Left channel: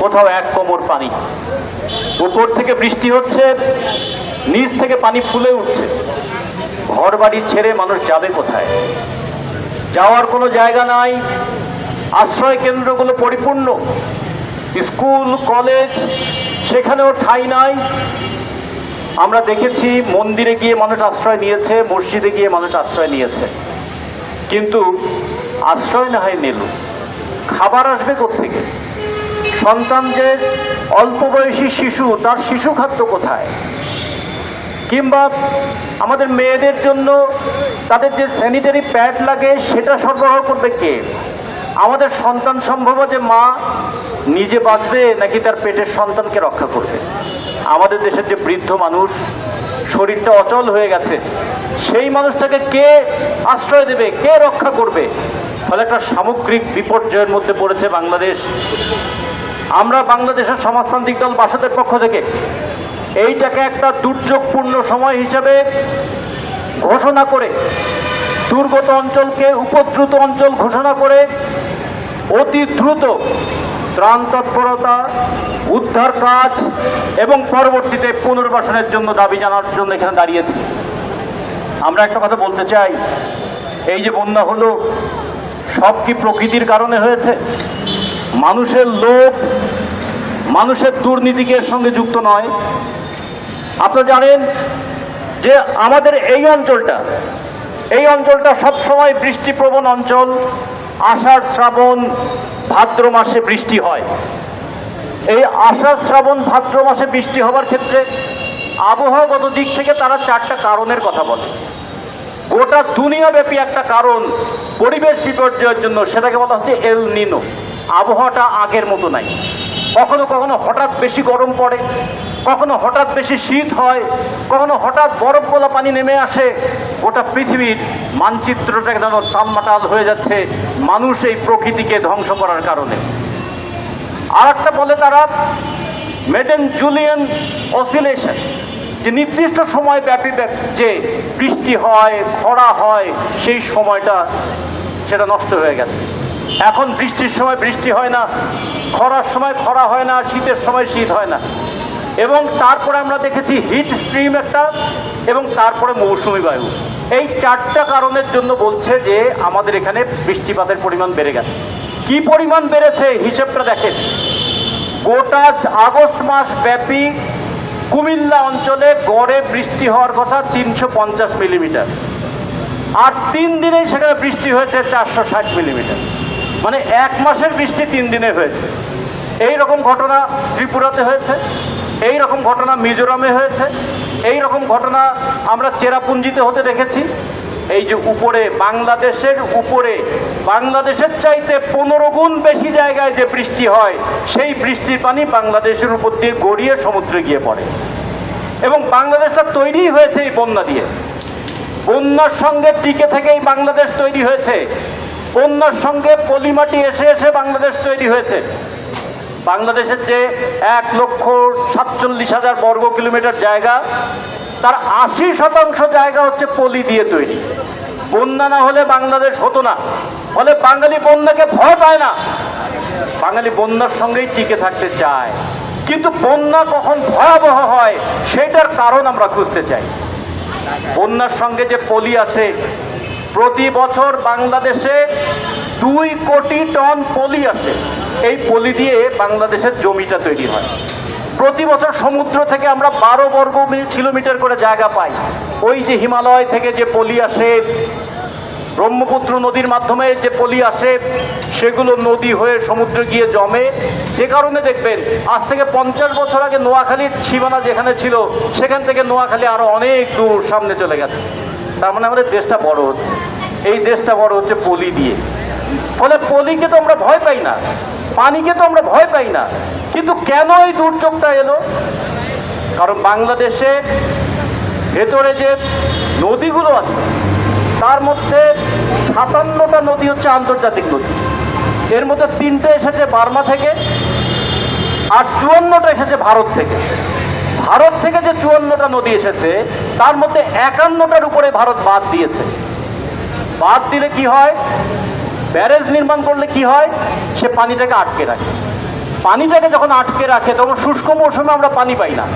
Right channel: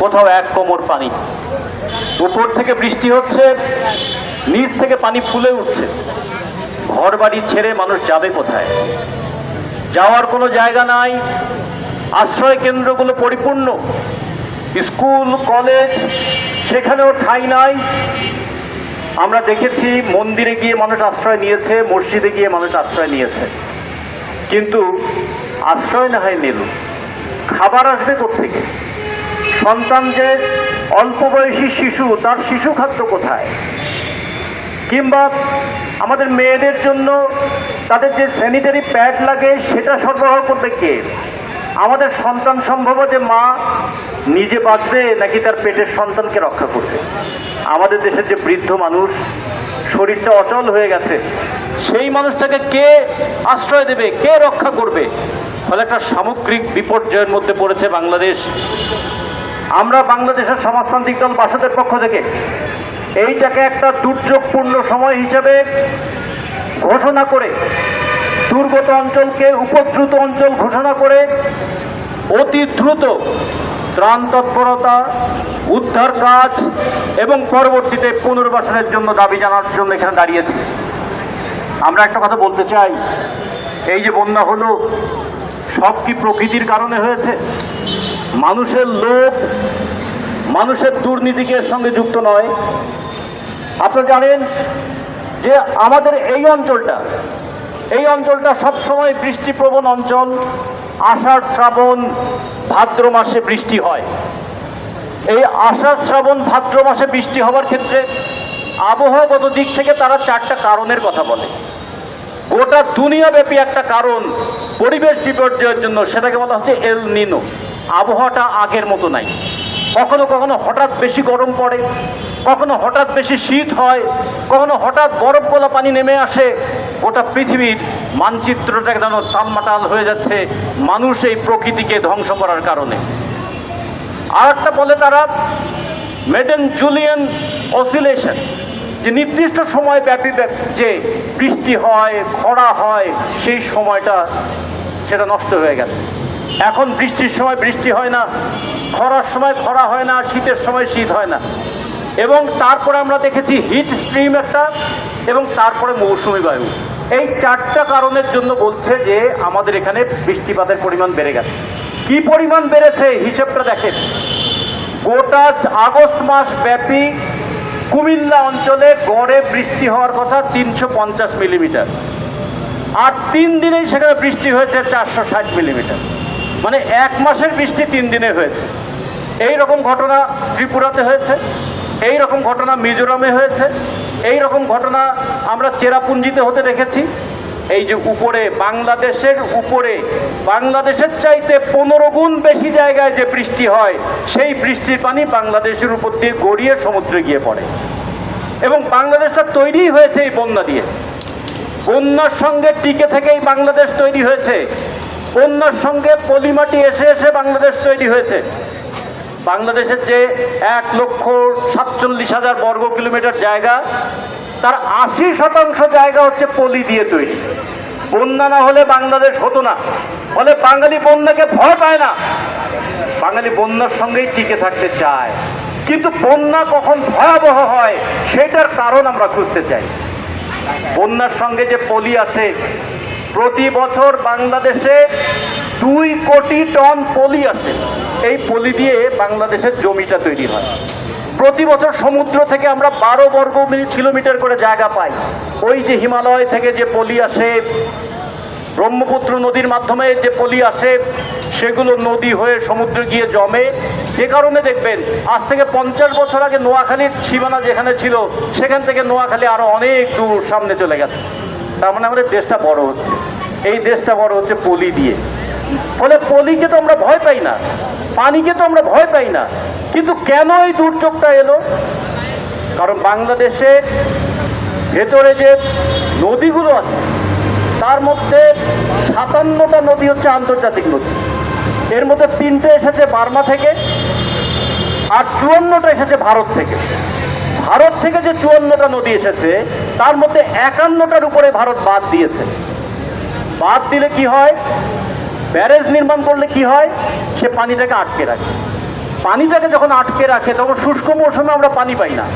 কোথাও এক কোমর পানি। উপর থেকে বৃষ্টি হচ্ছে, নিচ থেকে পানি ফুলে উঠছে। ঘর বাড়ি ছেড়ে মানুষ যাবে কোথায়? যাওয়ার কোনো জায়গা নাই। আশ্রয় কেন্দ্রগুলো পরিপূর্ণ, স্কুল কলেজ সেখানেও ঠাঁই নাই। আমরা দেখেছি মন্দিরে গিয়ে মানুষ আশ্রয় নিয়েছে, মসজিদে গিয়ে মানুষ আশ্রয় নিয়েছে, কিন্তু আশ্রয় না হয় নিল, খাবার আসবে কোত্থেকে? সন্তান যে অল্প বয়সী শিশু, তার শিশু খাদ্য কোথায়? কিংবা আমাদের মেয়েদের জন্য তাদের যে স্যানিটারি প্যাড লাগে সেটা সরবরাহ করবে কে? আমাদের সন্তান সম্ভব যে মা নিজে বাঁচবে নাকি তার পেটের সন্তানকে রক্ষা করবে? আমাদের দেশের যে বৃদ্ধ মানুষ, শরীরটা অচল হয়ে গেছে, সেই মানুষটাকে কে আশ্রয় দেবে, কে রক্ষা করবে? ফলে একটা সামগ্রিক বিপর্যয়ের মধ্যে পড়েছে বাংলাদেশ। আমরা বাংলাদেশের সমাজতান্ত্রিক দল বাসদের পক্ষ থেকে এইটাকে একটা দুর্যোগপূর্ণ সময় হিসাবে ঘোষণা করে, দুর্গত অঞ্চলকে উপদ্রুত অঞ্চল ঘোষণা করে অতি দ্রুত ত্রাণ তৎপরতা, উদ্ধার কাজ এবং পরবর্তীতে পুনর্বাসনের জন্য দাবি জানার জন্য এখানে দাঁড়িয়েছি। আমরা একটা কথা বলতে চাই, এই যে বন্যা হলো, সব কি প্রকৃতির কারণে হয়েছে? মানুষের লোভ, মানুষের দুর্নীতিকে সঙ্গে যুক্ত নয়। আপনারা জানেন যে আমাদের এই অঞ্চলটা সবসময় বৃষ্টিপ্রবণ অঞ্চল। আষাঢ় শ্রাবণ ভাদ্র মাসে বৃষ্টি হয়। এই আষাঢ় শ্রাবণ ভাদ্র মাসে বৃষ্টি হওয়ার ক্ষেত্রে আবহাওয়াগত দিক থেকে তারা চারটা কারণের কথা বলে। গোটা দুনিয়াব্যাপী একটা কারণ পরিবেশ বিপর্যয়ের জন্য, সেটাকে বলা হচ্ছে এল নিনো। আবহাওয়াটা আগের মতো নাই। কখনো কখনো হঠাৎ বেশি গরম পড়ে, কখনো হঠাৎ বেশি শীত হয়, কখনো হঠাৎ বরফ গলা পানি নেমে আসে। গোটা পৃথিবীর মানচিত্রটা যেন টালমাটাল হয়ে যাচ্ছে মানুষ এই প্রকৃতিকে ধ্বংস করার কারণে। আর একটা বলে তারা মেডেন জুলিয়ান অসিলেশন, যে নির্দিষ্ট সময় ব্যাপী যে বৃষ্টি হয়, খরা হয়, সেই সময়টা সেটা নষ্ট হয়ে গেছে। এখন বৃষ্টির সময় বৃষ্টি হয় না, খরার সময় খরা হয় না, শীতের সময় শীত হয় না। এবং তারপরে আমরা দেখেছি হিট স্ট্রিম একটা, এবং তারপরে মৌসুমি বায়ু। এই চারটা কারণের জন্য বলছে যে আমাদের এখানে বৃষ্টিপাতের পরিমাণ বেড়ে গেছে। কি পরিমাণ বেড়েছে হিসেবটা দেখেন। গোটা আগস্ট মাস ব্যাপী কুমিল্লা অঞ্চলে গড়ে বৃষ্টি হওয়ার কথা 350 মিলিমিটার, আর 3 দিনেই সেখানে বৃষ্টি হয়েছে 460 মিলিমিটার। মানে এক মাসের বৃষ্টি 3 দিনে হয়েছে। এই রকম ঘটনা ত্রিপুরাতে হয়েছে, এই রকম ঘটনা মিজোরামে হয়েছে, এই রকম ঘটনা আমরা চেরাপুঞ্জিতে হতে দেখেছি। এই যে উপরে বাংলাদেশের চাইতে 15 গুণ বেশি জায়গায় যে বৃষ্টি হয়, সেই বৃষ্টির পানি বাংলাদেশের উপর দিয়ে গড়িয়ে সমুদ্রে গিয়ে পড়ে। এবং বাংলাদেশটা তৈরি হয়েছে এই বন্যা দিয়ে। বন্যার সঙ্গে টিকে থেকেই বাংলাদেশ তৈরি হয়েছে। বন্যার সঙ্গে পলিমাটি এসে এসে বাংলাদেশ তৈরি হয়েছে। বাংলাদেশের যে 1,47,000 বর্গ কিলোমিটার জায়গা, তার 80% জায়গা হচ্ছে পলি দিয়ে তৈরি। বন্যা না হলে বাংলাদেশ হতো না। ফলে বাঙালি বন্যাকে ভয় পায় না, বাঙালি বন্যার সঙ্গেই টিকে থাকতে চায়। কিন্তু বন্যা কখন ভয়াবহ হয় সেটার কারণ আমরা খুঁজতে চাই। বন্যার সঙ্গে যে পলি আসে, প্রতি বছর বাংলাদেশে 2 কোটি টন পলি আসে। এই পলি দিয়ে বাংলাদেশের জমিটা তৈরি হয়। প্রতি বছর সমুদ্র থেকে আমরা 12 বর্গ কিলোমিটার করে জায়গা পাই। ওই যে হিমালয় থেকে যে পলি আসে, ব্রহ্মপুত্র নদীর মাধ্যমে যে পলি আসে, সেগুলো নদী হয়ে সমুদ্রে গিয়ে জমে। যে কারণে দেখবেন আজ থেকে 50 বছর আগে নোয়াখালীর সীমানা যেখানে ছিল, সেখান থেকে নোয়াখালী আরো অনেক দূর সামনে চলে গেছে। তার মানে আমাদের দেশটা বড় হচ্ছে। এই দেশটা বড় হচ্ছে পলি দিয়ে। ফলে পলিকে তো আমরা ভয় পাই না, পানিকে তো আমরা ভয় পাই না। কিন্তু কেন এই দুর্যোগটা এলো? কারণ বাংলাদেশের ভেতরে যে নদীগুলো আছে, তার মধ্যে 57টা নদী হচ্ছে আন্তর্জাতিক নদী। এর মধ্যে 3টে এসেছে বার্মা থেকে, আর 54টা এসেছে ভারত থেকে। ভারত থেকে যে 54টা নদী এসেছে, তার মধ্যে 51টার উপরে ভারত বাদ দিয়েছে। বাদ দিলে কি হয়? ব্যারেজ নির্মাণ করলে কি হয়? সে পানিটাকে আটকে রাখে। পানিটাকে যখন আটকে রাখে তখন শুষ্ক মৌসুমে আমরা পানি পাই না।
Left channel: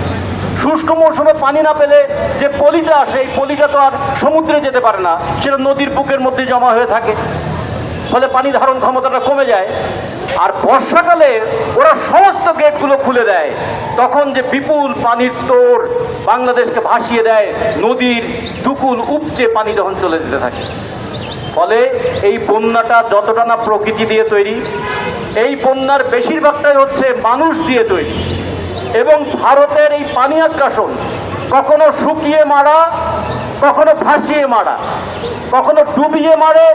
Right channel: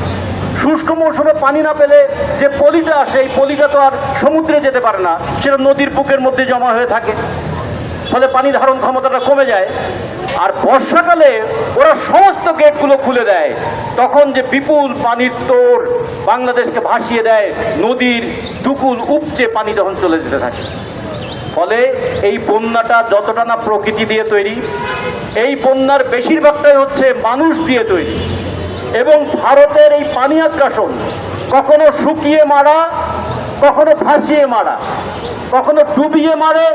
শুষ্ক মৌসুমে পানি না পেলে যে পলিটা আসে, এই পলিটা তো আর সমুদ্রে যেতে পারে না, সেটা নদীর বুকের মধ্যে জমা হয়ে থাকে, ফলে পানি ধারণ ক্ষমতাটা কমে যায়। আর বর্ষাকালে ওরা সমস্ত গেটগুলো খুলে দেয়, তখন যে বিপুল পানির তোর বাংলাদেশকে ভাসিয়ে দেয়, নদীর দুকুল উপচে পানি যখন চলে যেতে থাকে। ফলে এই বন্যাটা যতটা না প্রকৃতি দিয়ে তৈরি, এই বন্যার বেশিরভাগটাই হচ্ছে মানুষ দিয়ে তৈরি। এবং ভারতের এই পানি আগ্রাসন কখনো শুকিয়ে মারা, কখনো ভাসিয়ে মারা, কখনো ডুবিয়ে মারে,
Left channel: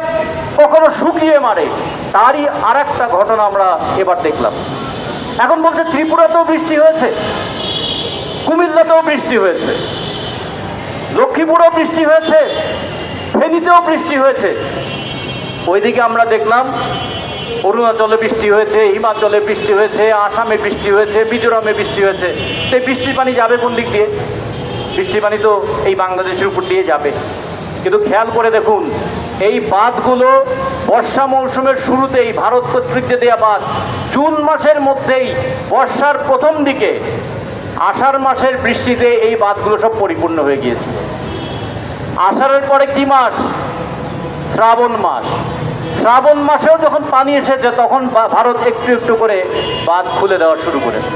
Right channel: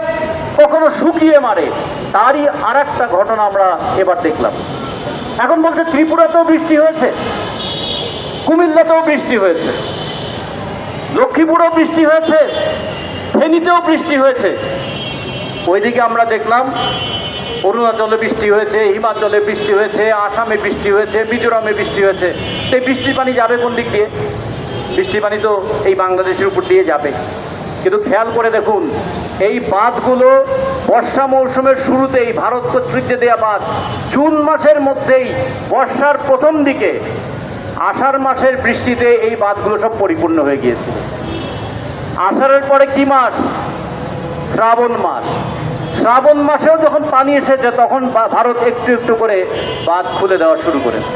কখনো শুকিয়ে মারে। তারই আর একটা ঘটনা আমরা এবার দেখলাম। এখন বলছে ত্রিপুরাতেও বৃষ্টি হয়েছে, কুমিল্লাতেও বৃষ্টি হয়েছে, লক্ষ্মীপুরেও বৃষ্টি হয়েছে, ফেনীতেও বৃষ্টি হয়েছে। ওইদিকে আমরা দেখলাম অরুণাচলে বৃষ্টি হয়েছে, হিমাচলে বৃষ্টি হয়েছে, আসামে বৃষ্টি হয়েছে, মিজোরামে বৃষ্টি হয়েছে। এই বৃষ্টির পানি যাবে কোন দিক দিয়ে? বৃষ্টির পানি তো এই বাংলাদেশের উপর দিয়ে যাবে। কিন্তু খেয়াল করে দেখুন, এই বাঁধগুলো বর্ষা মৌসুমের শুরুতেই ভারত কর্তৃক যে দেওয়া বাঁধ, জুন মাসের মধ্যেই বর্ষার প্রথম দিকে আষাঢ় মাসের বৃষ্টিতে এই বাঁধগুলো সব পরিপূর্ণ হয়ে গিয়েছিল। আষাঢ়ের পরে কি মাস? শ্রাবণ মাস। শ্রাবণ মাসেও যখন পানি এসেছে তখন ভারত একটু একটু করে বাঁধ খুলে দেওয়া শুরু করেছে।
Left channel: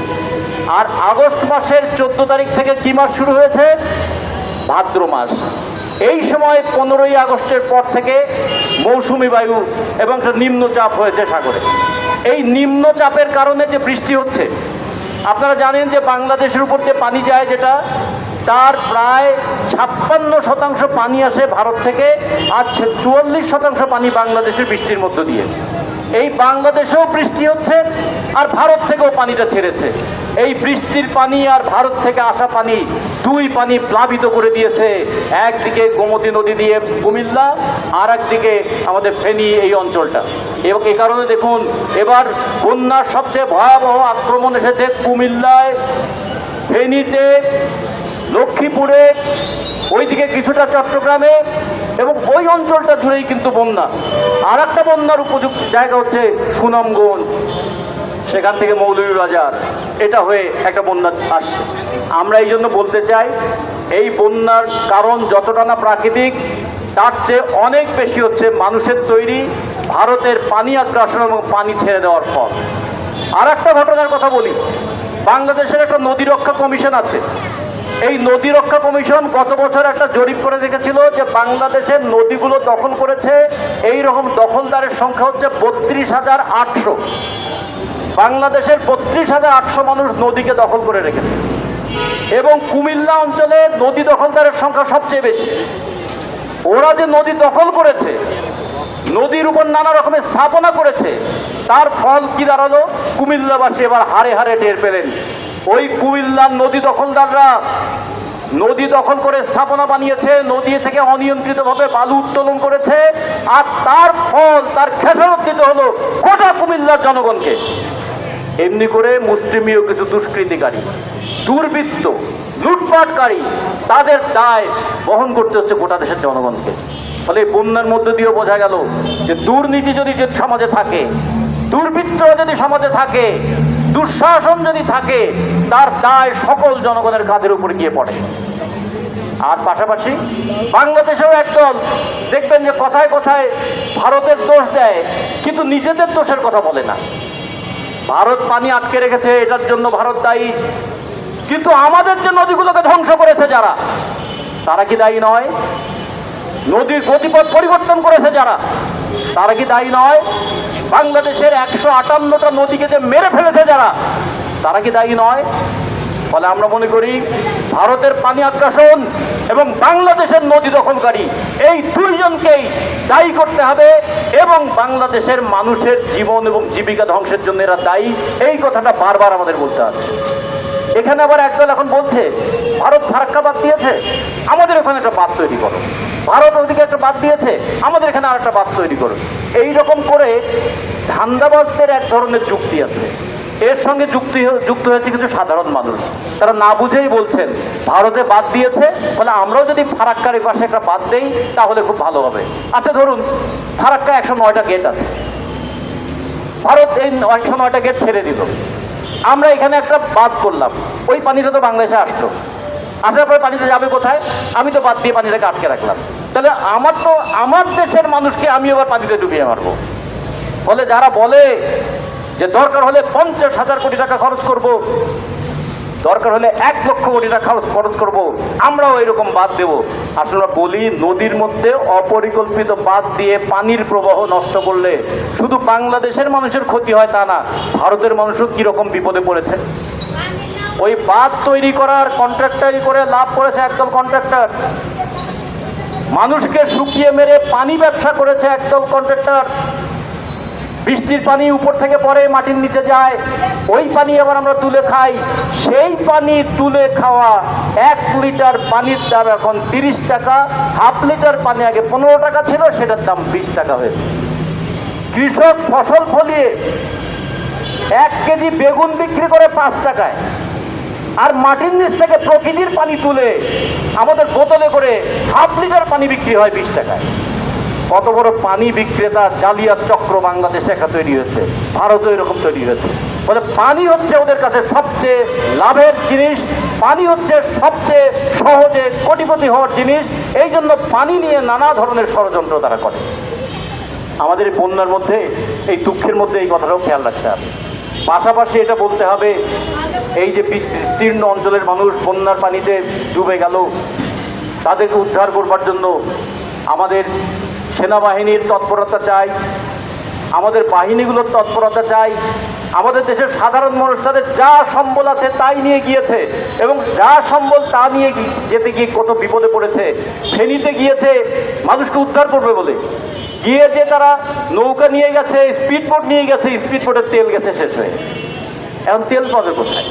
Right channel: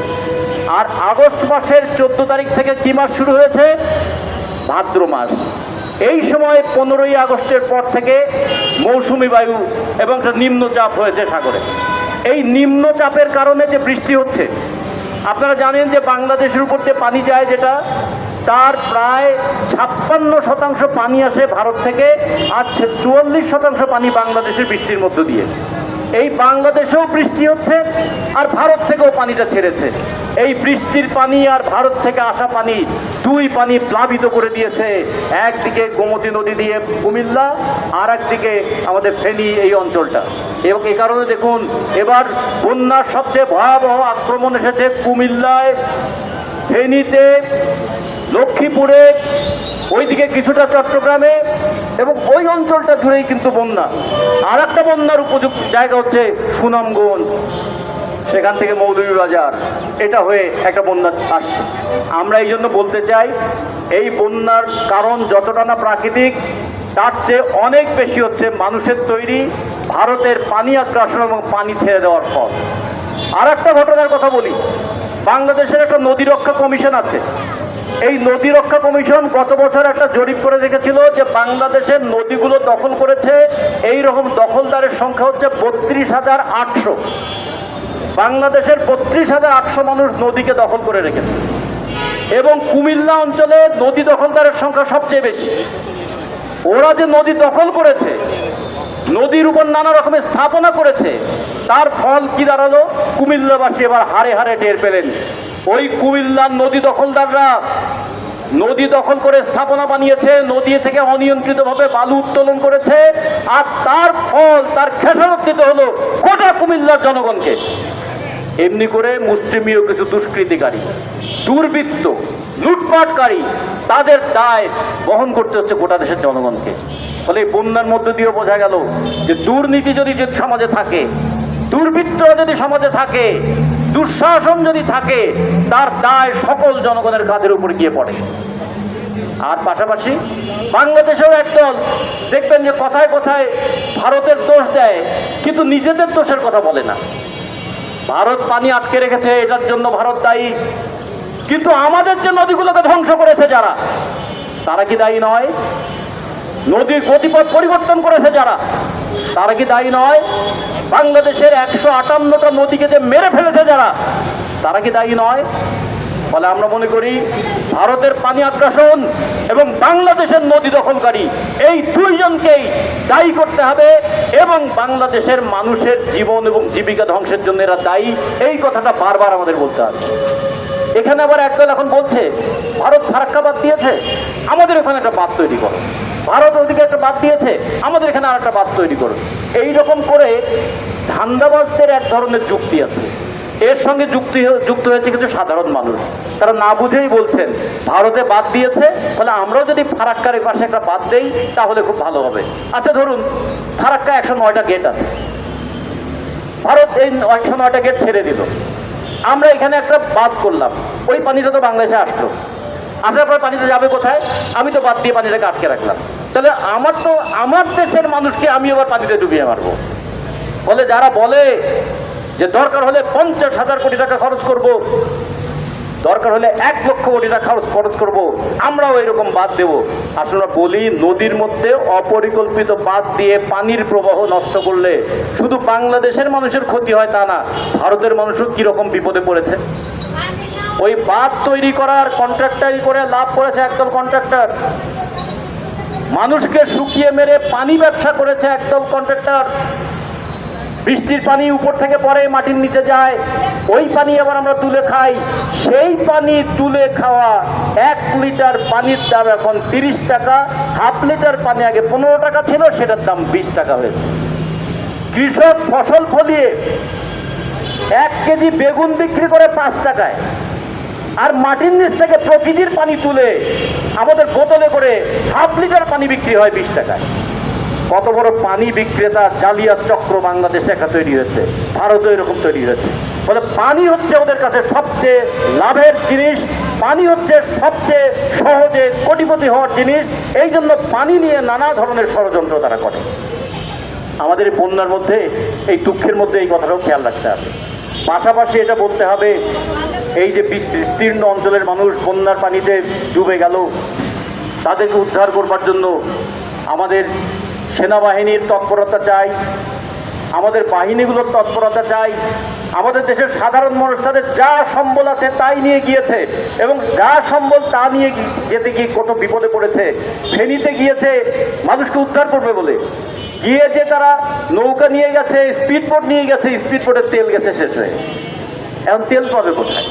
আর আগস্ট মাসের 14 তারিখ থেকে কি মাস শুরু হয়েছে? ভাদ্র মাস। এই সময় 15ই আগস্টের পর থেকে মৌসুমি বায়ু এবং নিম্নচাপ হয়েছে সাগরে। এই নিম্নচাপের কারণে যে বৃষ্টি হচ্ছে, আপনারা জানেন যে বাংলাদেশের উপর দিয়ে পানি যায় যেটা, তার প্রায় 56% পানি আসে ভারত থেকে, আর 44% পানি বাংলাদেশের বৃষ্টির মধ্য দিয়ে। এই বাংলাদেশেও বৃষ্টি হচ্ছে আর ভারত থেকেও পানিটা ছেড়েছে। এই বৃষ্টির পানি আর ভারত থেকে আসা পানি, দুই পানি প্লাবিত করে দিয়েছে। একদিকে গোমতী নদী দিয়ে কুমিল্লা, আর একদিকে আমাদের ফেনী এই অঞ্চলটা। এবং এই কারণে দেখুন এবার বন্যার সবচেয়ে ভয়াবহ আক্রমণ এসেছে কুমিল্লায়, ফেনীতে, লক্ষ্মীপুরে, ওইদিকে কিছুটা চট্টগ্রামে, এবং ওই অঞ্চলটা জুড়েই কিন্তু বন্যা। আর একটা বন্যার উপযুক্ত জায়গা হচ্ছে সুনামগঞ্জ, সেখান থেকে মৌলভীবাজার, এটা হয়ে একটা বন্যা আসছে। আমরা এই জন্য বলতে চাই, এই বন্যার কারণ যতটা না প্রাকৃতিক, তার চেয়ে অনেক বেশি হচ্ছে মানুষের তৈরি, ভারতের পানি আগ্রাসন এবং পানি ছেড়ে দেওয়ার পর। আর একটা ঘটনার কথা বলি, বাংলাদেশের একটা নদী রক্ষা কমিশন আছে। এই নদী রক্ষা কমিশন গত বছর একটা জরিপ করে দেখেছিল যে বাংলাদেশের নদীগুলো দখল করেছে এই রকম দখলদারের সংখ্যা হচ্ছে 32,800। বাংলাদেশের 32,800 মানুষ নদীকে দখল করে রেখেছে। এবং কুমিল্লা অঞ্চলে নদী দখলদারের সংখ্যা সবচেয়ে বেশি। ওরা যে নদী দখল করেছে, নদীর উপর নানা রকমের স্থাপনা করেছে, তার ফল কি দাঁড়ালো? কুমিল্লাবাসী এবার হারে হারে টের পেলেন। ওই কুমিল্লার নদী দখলদাররা নদী দখল করে স্থাপনা বানিয়েছে, নদী থেকে অনিয়ন্ত্রিতভাবে বালু উত্তোলন করেছে, আর তার ফল, তার খেসারত দিতে হলো গোটা কুমিল্লার জনগণকে। এমনি করে মুসলিমীয় কিছু দুষ্কৃতিকারী, দুর্বৃত্ত, লুটপাটকারী, তাদের দায় বহন করতে হচ্ছে গোটা দেশের জনগণকে। ফলে বন্যার মধ্যে দিয়েও বোঝা গেল যে দুর্নীতি যদি সমাজে থাকে, দুর্বৃত্ত যদি সমাজে থাকে, দুঃশাসন যদি থাকে, তার দায় সকল জনগণের কাঁধের উপর গিয়ে পড়ে। আর পাশাপাশি বাংলাদেশেও একদল দেখবেন যে কথায় কথায় ভারতের দোষ দেয়, কিন্তু নিজেদের দোষের কথা বলে না। ভারত পানি আটকে রেখেছে, এটার জন্য ভারত দায়ী, কিন্তু আমাদের যে নদীগুলোকে ধ্বংস করেছে যারা, তারা কি দায়ী নয়? নদীর গতিপথ পরিবর্তন করেছে যারা, তারা কি দায়ী নয়? বাংলাদেশের 158টা নদীকে যে মেরে ফেলেছে যারা, তারা কি দায়ী নয়? ফলে আমরা মনে করি ভারতের পানি আগ্রাসন এবং বাংলাদেশের নদী দখলকারী, এই দুইজনকেই দায়ী করতে হবে, এবং বাংলাদেশের মানুষের জীবন এবং জীবিকা ধ্বংসের জন্য এরা দায়ী, এই কথাটা বারবার আমাদের বলতে হবে। এখানে আবার একদল এখন বলছে ভারত ফারাক্কা বাদ দিয়েছে, আমাদের এখানে একটা বাঁধ তৈরি করো। ভারত ওদিকে একটা বাঁধ দিয়েছে, আমাদের এখানে আর একটা বাঁধ তৈরি করো। এইরকম করে ধান্দাবাজদের এক ধরনের যুক্তি আছে। এর সঙ্গে যুক্ত হয়েছে কিছু সাধারণ মানুষ, তারা না বুঝেই বলছেন ভারতে বাদ দিয়েছে, ফলে আমরাও যদি ফারাক্কার পাশে একটা বাদ দেই তাহলে খুব ভালো হবে। আচ্ছা ধরুন ফারাক্কা 109টা গেট আছে, ভারত এই 109টা গেট ছেড়ে দিল, আমরা এখানে একটা বাঁধ করলাম, ওই পানিটা তো বাংলাদেশে আসলো, আসার পরে পানিটা যাবে কোথায়? আমি তো বাদ দিয়ে পানিটাকে আটকে রাখলাম, তাহলে আমার দেশের মানুষকে আমি আবার পানিতে ডুবিয়ে মারবো। ফলে যারা বলে যে দরকার হলে 50,000 কোটি টাকা খরচ করব, দরকার হলে 1 লক্ষ কোটি টাকা খরচ করব, আমরাও এরকম বাঁধ দেব। আসলে বলি, নদীর মধ্যে অপরিকল্পিত বাঁধ দিয়ে পানির প্রবাহ নষ্ট করলে শুধু বাংলাদেশের মানুষের ক্ষতি হয় তা না, ভারতের মানুষও কিরকম বিপদে পড়েছে। ওই বাঁধ তৈরি করার কন্ট্রাক্টারি করে লাভ করেছে একদল কন্ট্রাক্টর, মানুষকে শুকিয়ে মেরে পানি ব্যবসা করেছে একদল কন্ট্রাক্টর। বৃষ্টির পানি উপর থেকে পড়ে মাটির নিচে যায়, ওই পানি আবার আমরা তুলে খাই। সেই পানি তুলে খাওয়া 1 লিটার পানির দাম এখন 30 টাকা, হাফ লিটার পানি আগে 15 টাকা ছিল, সেটার দাম 20 টাকা হয়েছে। কৃষক ফসল ফলিয়ে 1 কেজি বেগুন বিক্রি করে 5 টাকায়, আর মাটির নিচ থেকে প্রকৃতির পানি তুলে আমাদের বোতলে করে হাফ লিটার পানি বিক্রি হয় 20 টাকায়। কত বড় পানি বিক্রেতা জালিয়াত চক্র বাংলাদেশে একটা তৈরি হয়েছে, ভারতও এরকম তৈরি হয়েছে। ফলে পানি হচ্ছে ওদের কাছে সবচেয়ে লাভের জিনিস, পানি হচ্ছে সবচেয়ে সহজে কোটিপতি হওয়ার জিনিস। এই জন্য পানি নিয়ে নানা ধরনের ষড়যন্ত্র তারা করে। আমাদের এই বন্যার মধ্যে, এই দুঃখের মধ্যে এই কথাটাও খেয়াল রাখতে হবে। পাশাপাশি এটা বলতে হবে, এই যে বিস্তীর্ণ অঞ্চলের মানুষ বন্যার পানিতে ডুবে গেল, তাদেরকে উদ্ধার করবার জন্য আমাদের সেনাবাহিনীর তৎপরতা চাই, আমাদের বাহিনীগুলোর তৎপরতা চাই। আমাদের দেশের সাধারণ মানুষ তাদের যা সম্বল আছে তাই নিয়ে গিয়েছে, এবং যা সম্বল তা নিয়ে যেতে গিয়ে কত বিপদে পড়েছে। ফেনীতে গিয়েছে মানুষকে উদ্ধার করবে বলে, গিয়ে যে তারা নৌকা নিয়ে গেছে, স্পিডবোট নিয়ে গেছে, স্পিডবোটের তেল গেছে শেষ হয়ে, এখন তেল পাবে কোথায়?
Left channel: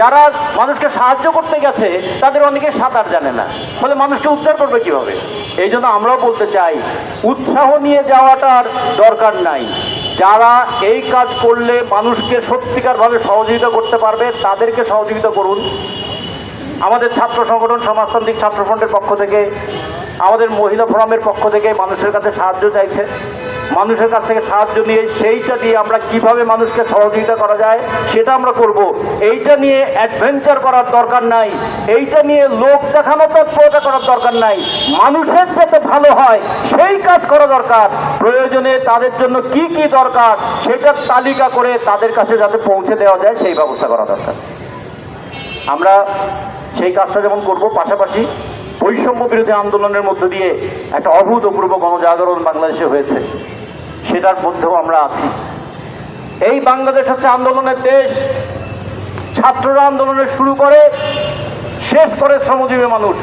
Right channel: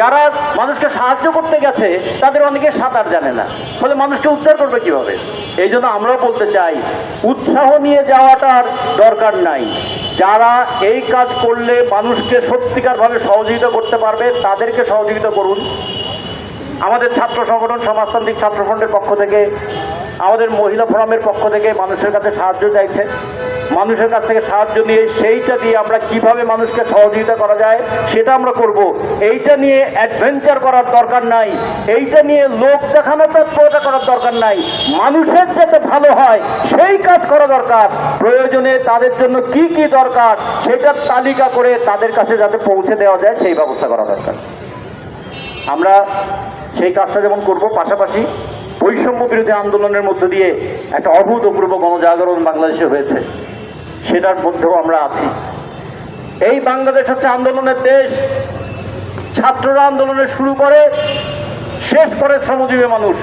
যারা মানুষকে সাহায্য করতে গেছে তাদের অনেকে সাঁতার জানে না, ফলে মানুষকে উদ্ধার করবে কিভাবে? এই জন্য আমরাও বলতে চাই, উৎসাহ নিয়ে যাওয়াটার দরকার নাই। যারা এই কাজ করলে মানুষকে সত্যিকারভাবে সহযোগিতা করতে পারবে তাদেরকে সহযোগিতা করুন। আমাদের ছাত্র সংগঠন সমাজতান্ত্রিক ছাত্র ফ্রন্টের পক্ষ থেকে, আমাদের মহিলা ফোরামের পক্ষ থেকে মানুষের কাছে সাহায্য চাইছে। মানুষের কাছ থেকে সাহায্য নিয়ে সেইটা দিয়ে আমরা কিভাবে মানুষকে সহযোগিতা করা যায় সেটা আমরা করব। এইটা নিয়ে অ্যাডভেঞ্চার করার দরকার নাই, এইটা নিয়ে লোক দেখানো তৎপরতা করার দরকার নাই। মানুষের যাতে ভালো হয় সেই কাজ করা দরকার। প্রয়োজনে তাদের জন্য কি কি দরকার সেটার তালিকা করে তাদের কাছে যাতে পৌঁছে দেওয়া যায় সেই ব্যবস্থা করা দরকার। আমরা সেই কাজটা যেমন করব, পাশাপাশি বৈষম্য বিরোধী আন্দোলনের মধ্য দিয়ে একটা অভূতপূর্ব গণজাগরণ বাংলাদেশে হয়েছে, সেটার মধ্যেও আমরা আছি। এই বাংলাদেশ হচ্ছে আন্দোলনের দেশ। ছাত্ররা আন্দোলনের শুরু করে, শেষ করে শ্রমজীবী মানুষ।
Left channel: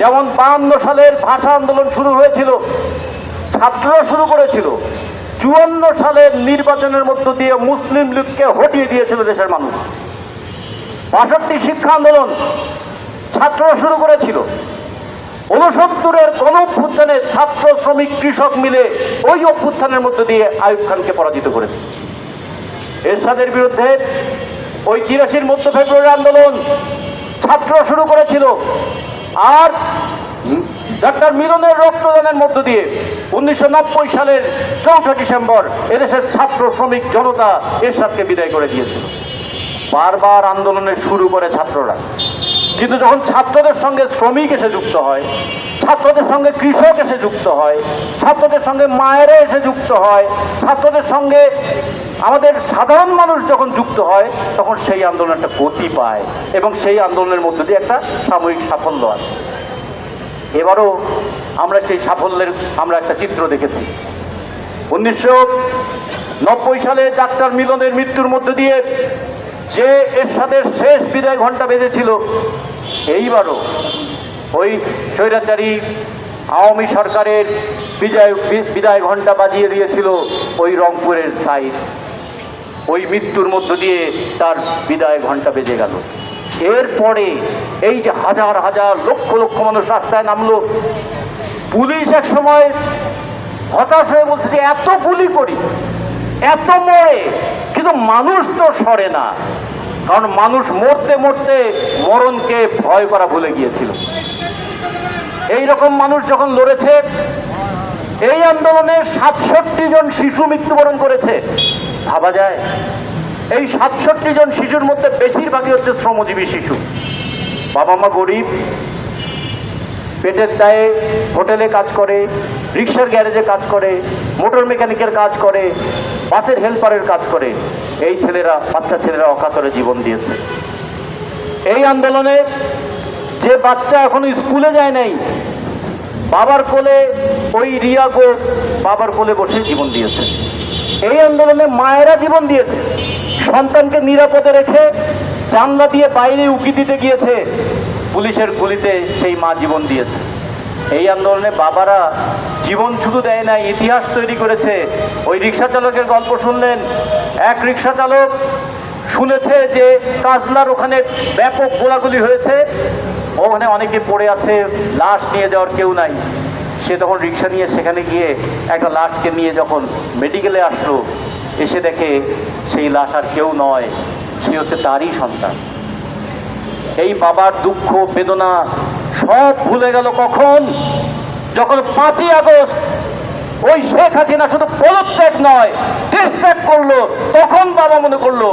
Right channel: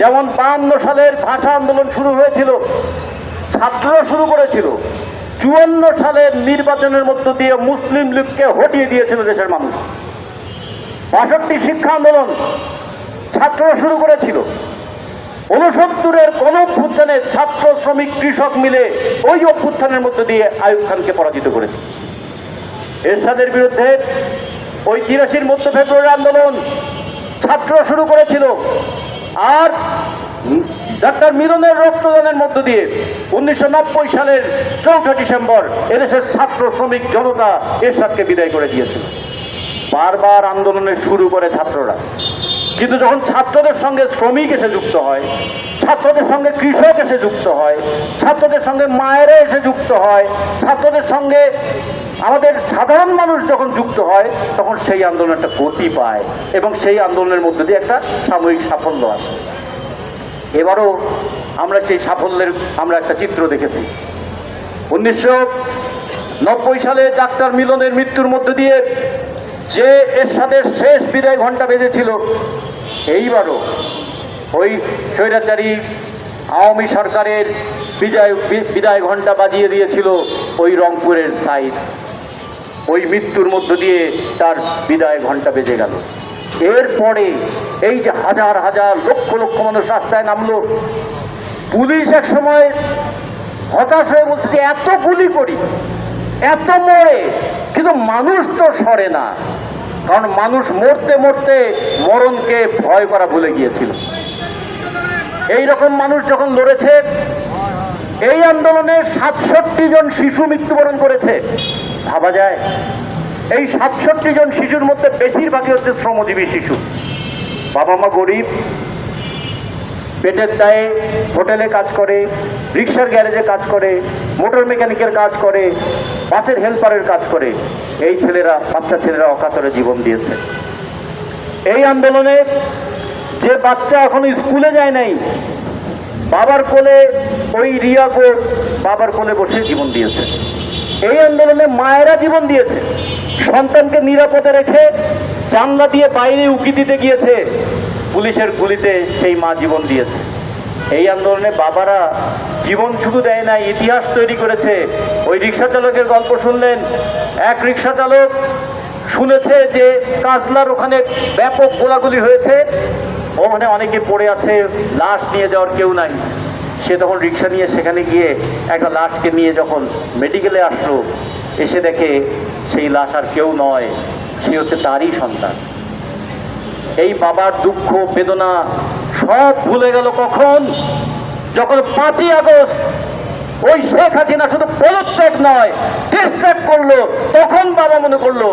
যেমন 52 সালের ভাষা আন্দোলন শুরু হয়েছিল, ছাত্ররা শুরু করেছিল। 54 সালের নির্বাচনের মধ্য দিয়ে মুসলিম লীগকে হটিয়ে দিয়েছিল দেশের মানুষ। 62 শিক্ষা আন্দোলন ছাত্ররা শুরু করেছিল। 69-এর গণ অভ্যুত্থানে ছাত্র, শ্রমিক, কৃষক মিলে ওই অভ্যুত্থানের মধ্য দিয়ে আইয়ুব খানকে পরাজিত করেছে। এরশাদের বিরুদ্ধে ওই 83-র মধ্য ফেব্রুয়ারি আন্দোলন ছাত্ররা শুরু করেছিল। আর ডাক্তার মিলনের রক্তদানের মধ্য দিয়ে 1990 সালের 4 ডিসেম্বর এদেশের ছাত্র, শ্রমিক জনতা এরশাদকে বিদায় করে দিয়েছিল। বারবার আন্দোলনের শুরু করে ছাত্ররা, কিন্তু যখন ছাত্রদের সঙ্গে শ্রমিক এসে যুক্ত হয়, ছাত্রদের সঙ্গে কৃষক এসে যুক্ত হয়, ছাত্রদের সঙ্গে মায়েরা এসে যুক্ত হয়, ছাত্রদের সঙ্গে আমাদের সাধারণ মানুষ যখন যুক্ত হয়, তখন সেই আন্দোলনটা গতি পায় এবং সেই আন্দোলনের মধ্যে দিয়ে একটা সাময়িক সাফল্য আসে। এবারও আমরা সেই সাফল্যের একটা চিত্র দেখেছি। 1990 সালে ডাক্তার মিলনের মৃত্যুর মধ্য দিয়ে যে এরশাদের শেষ বিদায় ঘণ্টা বেজেছিল, এইবারও ওই স্বৈরাচারী আওয়ামী সরকারের বিদায় ঘণ্টা বাজিয়ে দিয়েছিল ওই রংপুরের সাইড। ওই মৃত্যুর মধ্য দিয়ে তার বিদায় ঘণ্টা বেজে গেল। এরপরে এই যে হাজার হাজার লক্ষ লক্ষ মানুষ রাস্তায় নামলো, পুলিশ এক সময় হতাশ হয়ে বলছে যে এত গুলি করি, এত মরে, কিন্তু মানুষ তো সরে না। কারণ মানুষ মরতে মরতে মরণকে ভয় করা ভুলে গিয়েছিল। এই রকম মানুষ যখন লড়েছে, এই আন্দোলনে 67 জন শিশু মৃত্যুবরণ করেছে। ভাবা যায় এই 67 জন শিশুর মধ্যে বেশিরভাগই হচ্ছে শ্রমজীবী শিশু। বাবা মা গরিব, পেটের দায়ে হোটেলে কাজ করে, রিক্সার গ্যারেজে কাজ করে, মোটর মেকানিকের কাজ করে, বাসের হেল্পারের কাজ করে। এই ছেলেরা, বাচ্চা ছেলেরা অকাতরে জীবন দিয়েছে। এই আন্দোলনে যে বাচ্চা এখনো স্কুলে যায় নাই, বাবার কোলে, ওই রিয়া গো বাবার কোলে বসে জীবন দিয়েছে। এই আন্দোলনে মায়েরা জীবন দিয়েছে, সন্তানকে নিরাপদে রেখে জানলা দিয়ে বাইরে উকি দিতে গিয়েছে, পুলিশের গুলিতে সেই মা জীবন দিয়েছে। এই আন্দোলনে বাবারা জীবন শুধু দেয় না, ইতিহাস তৈরি করেছে। ওই রিক্সা চালকের গল্প শুনলেন, এক রিক্সা চালক শুনেছে যে কাজলার ওখানে ব্যাপক গোলাগুলি হয়েছে, ওখানে অনেকে পড়ে আছে, লাশ নিয়ে যাওয়ার কেউ নাই। সে তখন রিক্সা নিয়ে সেখানে গিয়ে একটা লাশকে নিয়ে যখন মেডিকেলে আসলো, এসে দেখে সেই লাশ আর কেউ নয়, সে হচ্ছে তারই সন্তান। এই বাবার দুঃখ বেদনা সব ভুলে গেল কখন? যখন 5ই আগস্ট ওই শেখ হাসিনা শুধু পদত্যাগ নয়, দেশ ত্যাগ করলো, তখন বাবা মনে করলো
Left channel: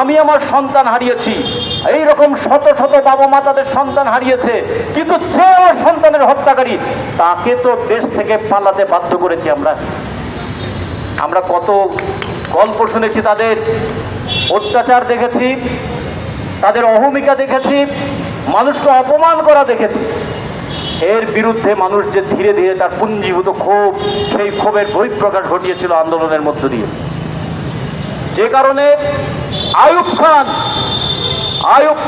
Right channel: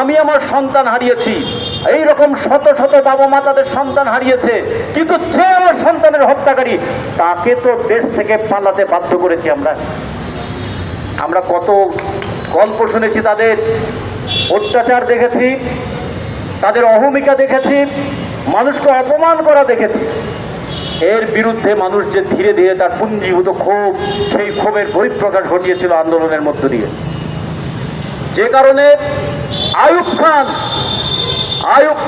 আমি আমার সন্তান হারিয়েছি। এইরকম শত শত বাবা মা তাদের সন্তান হারিয়েছে, কিন্তু যে আমার সন্তানের হত্যাকারী তাকে তো দেশ থেকে পালাতে বাধ্য করেছি। আমরা কত গল্প শুনেছি, তাদের অত্যাচার দেখেছি, তাদের অহমিকা দেখেছি, মানুষকে অপমান করা দেখেছি। এর বিরুদ্ধে মানুষ যে ধীরে ধীরে তার পুঞ্জীভূত ক্ষোভ, সেই ক্ষোভের বহিঃপ্রকাশ ঘটিয়েছিল আন্দোলনের মধ্য দিয়ে। যে কারণে আইয়ুব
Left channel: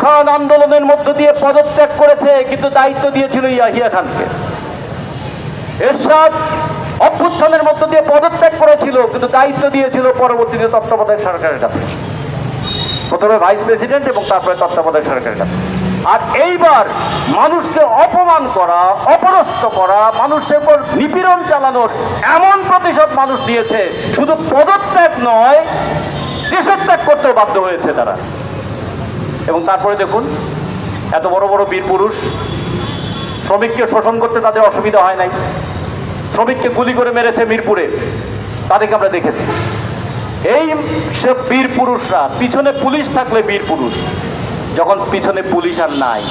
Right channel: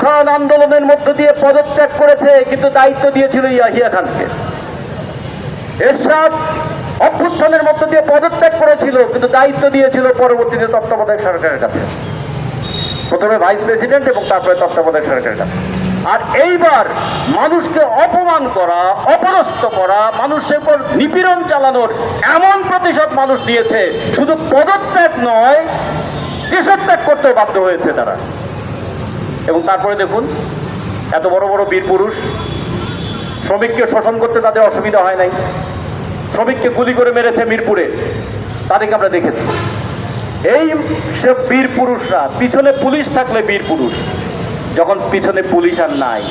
খান আন্দোলনের মধ্য দিয়ে পদত্যাগ করেছে, কিন্তু দায়িত্ব দিয়েছিল ইয়াহিয়া খানকে। এরশাদ অভ্যুত্থানের মধ্য দিয়ে পদত্যাগ করেছিল, কিন্তু দায়িত্ব দিয়েছিল পরবর্তীতে তত্ত্বাবধায়ক সরকারের কাছে, প্রথমে ভাইস প্রেসিডেন্ট এবং তারপরে তত্ত্বাবধায়ক সরকারের কাছে। আর এইবার মানুষকে অপমান করা, অপদস্থ করা, মানুষের উপর নিপীড়ন চালানোর এমন প্রতিশোধ মানুষ দিয়েছে, শুধু পদত্যাগ নয়, দেশত্যাগ করতেও বাধ্য হয়েছে তারা। এবং তারপরে দেখুন, এত বড় বড় বীর পুরুষ, শ্রমিককে শোষণ করতে তাদের অসুবিধা হয় নাই, শ্রমিককে গুলি করে মেরেছে মিরপুরে, তাদেরকে আমরা দেখেছি। এই সব বীর পুরুষরা, পিছনে পুলিশ থাকলে বীর পুরুষ, যখন পিছনে পুলিশ আর নাই,